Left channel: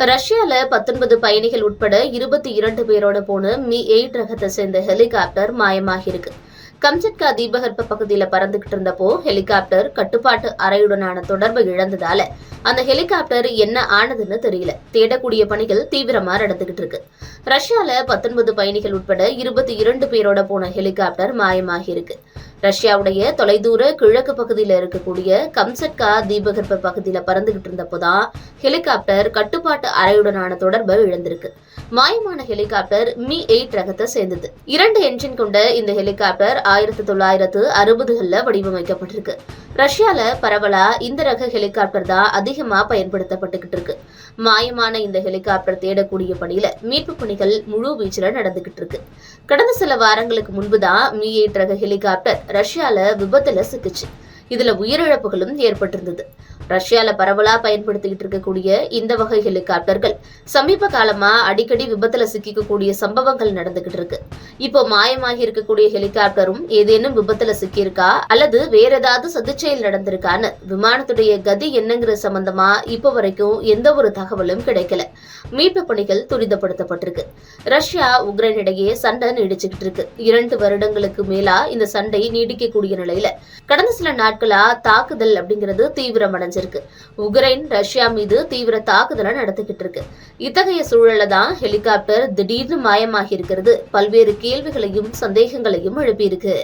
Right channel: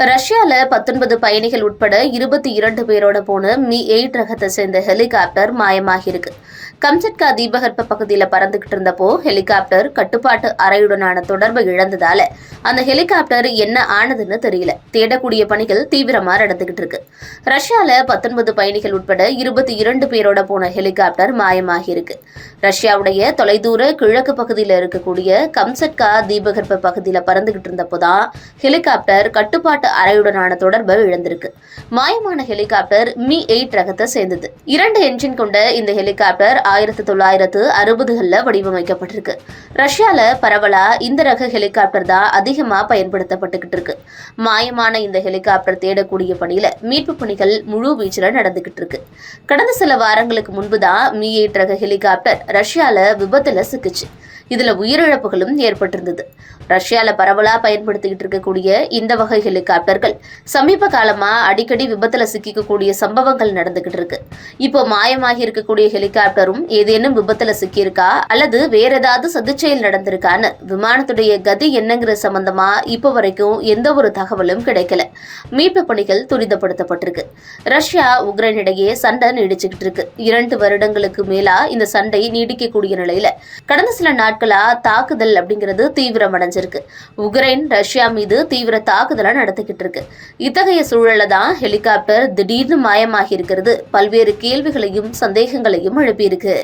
ரஷ்யால 19 பயணிகள் உட்பட 22 பேரோட போன Mi-8 ரகத்தை சேர்ந்த ஹெலிகாப்டர் மாயமாகியிருக்கு. கம்சட்கா தீபகற்ப பகுதியில் பறந்துகிட்டு இருந்தப்போ ஹெலிகாப்டர் கட்டுப்பாட்டு அறையுடனான தொடர்பை இழந்ததால அந்த ஹெலிகாப்டர் என்ன ஆனதுன்னு தெரியல. தேடக்கூடிய பணிகள் தீவிரமா நடந்துகிட்டு இருக்கு. ரஷ்யால 19 பயணிகள் உட்பட 22 பேரோட போன ஹெலிகாப்டர் மாயமாகியிருக்கு. ரஷ்யாவுடைய தொலைதூர கிழக்கு பகுதியில் இருக்கக்கூடிய கம்சட்கா தீபகற்ப பகுதியில் பறந்துகிட்டு இருந்தப்போதான் ஹெலிகாப்டர் கட்டுப்பாட்டு அறையுடனான தொடர்பை இழந்திருக்கு. மாயமான ஹெலிகாப்டர் Mi-8 ரகத்தை சேர்ந்தது. 2 என்ஜின் கொண்ட இந்த ஹெலிகாப்டர் 1960களில் வடிவமைக்கப்பட்டிருக்கு. ரஷ்யால பரவலா இந்த ரக ஹெலிகாப்டர் தான் அதிகமா பயன்படுத்தப்பட்டுகிட்டு இருக்கு. மாயமான இந்த ஹெலிகாப்டர் தேடக்கூடிய பணியில மீட்பு பணிகள் முழு வீச்சுல நடந்துகிட்டு இருக்கு. கடந்த சில வாரங்களுக்கு முன்புதான் Mi-8 ரக ஹெலிகாப்டர் ரஷ்யால விபத்துல சிக்கிச்சு. இதுல உயிரிழப்புகளும் ஏற்பட்டிருந்தது. ரஷ்யால பரவலா பயன்படுத்திக்கிட்டு இருக்கக்கூடிய இந்த வகை ஹெலிகாப்டர்கள் சமீப காலமா அடிக்கடி விபத்துல சிக்கிக்கக்கூடிய சம்பவங்கள் நடந்துகிட்டு இருக்கு. இப்போ மாயமாகி இருக்கக்கூடிய ஹெலிகாப்டரும் ஏதேனும் விபத்துல சிக்கியிருக்கா அல்லது வேற ஏதாவது சதிச்செயல் நடந்திருக்கான்னு விமானத்துடைய கதி என்னங்கிற சம்பந்தமா இப்போ வரைக்கும் எந்த ஒரு தகவலும் கிடைக்கல. மீட்பு பணிகள் துரிதப்படுத்தப்பட்டிருக்கு. ரஷ்யா உக்ரைன் இடையே சண்டை நீடிச்சுக்கிட்டு இருக்கு. 2 வருடங்களுக்கு மேலா இந்த சண்டை நீடிக்கக்கூடிய நிலையில கடந்த சில நாட்களா தாக்குதல் அப்படிங்கிறது தீவிரமடைஞ்சிருக்கு. உக்ரைன் ரஷ்யா மீது தீவிர தாக்குதலை நடத்திக்கிட்டு இருக்கு. இத்தகைய சூழல்ல தான் ஹெலிகாப்டர் திடீர்னு மாயமாகி இருக்கிறது பல்வேறு கேள்விகளையும் சந்தேகங்களையும் எழுப்பியிருக்கு.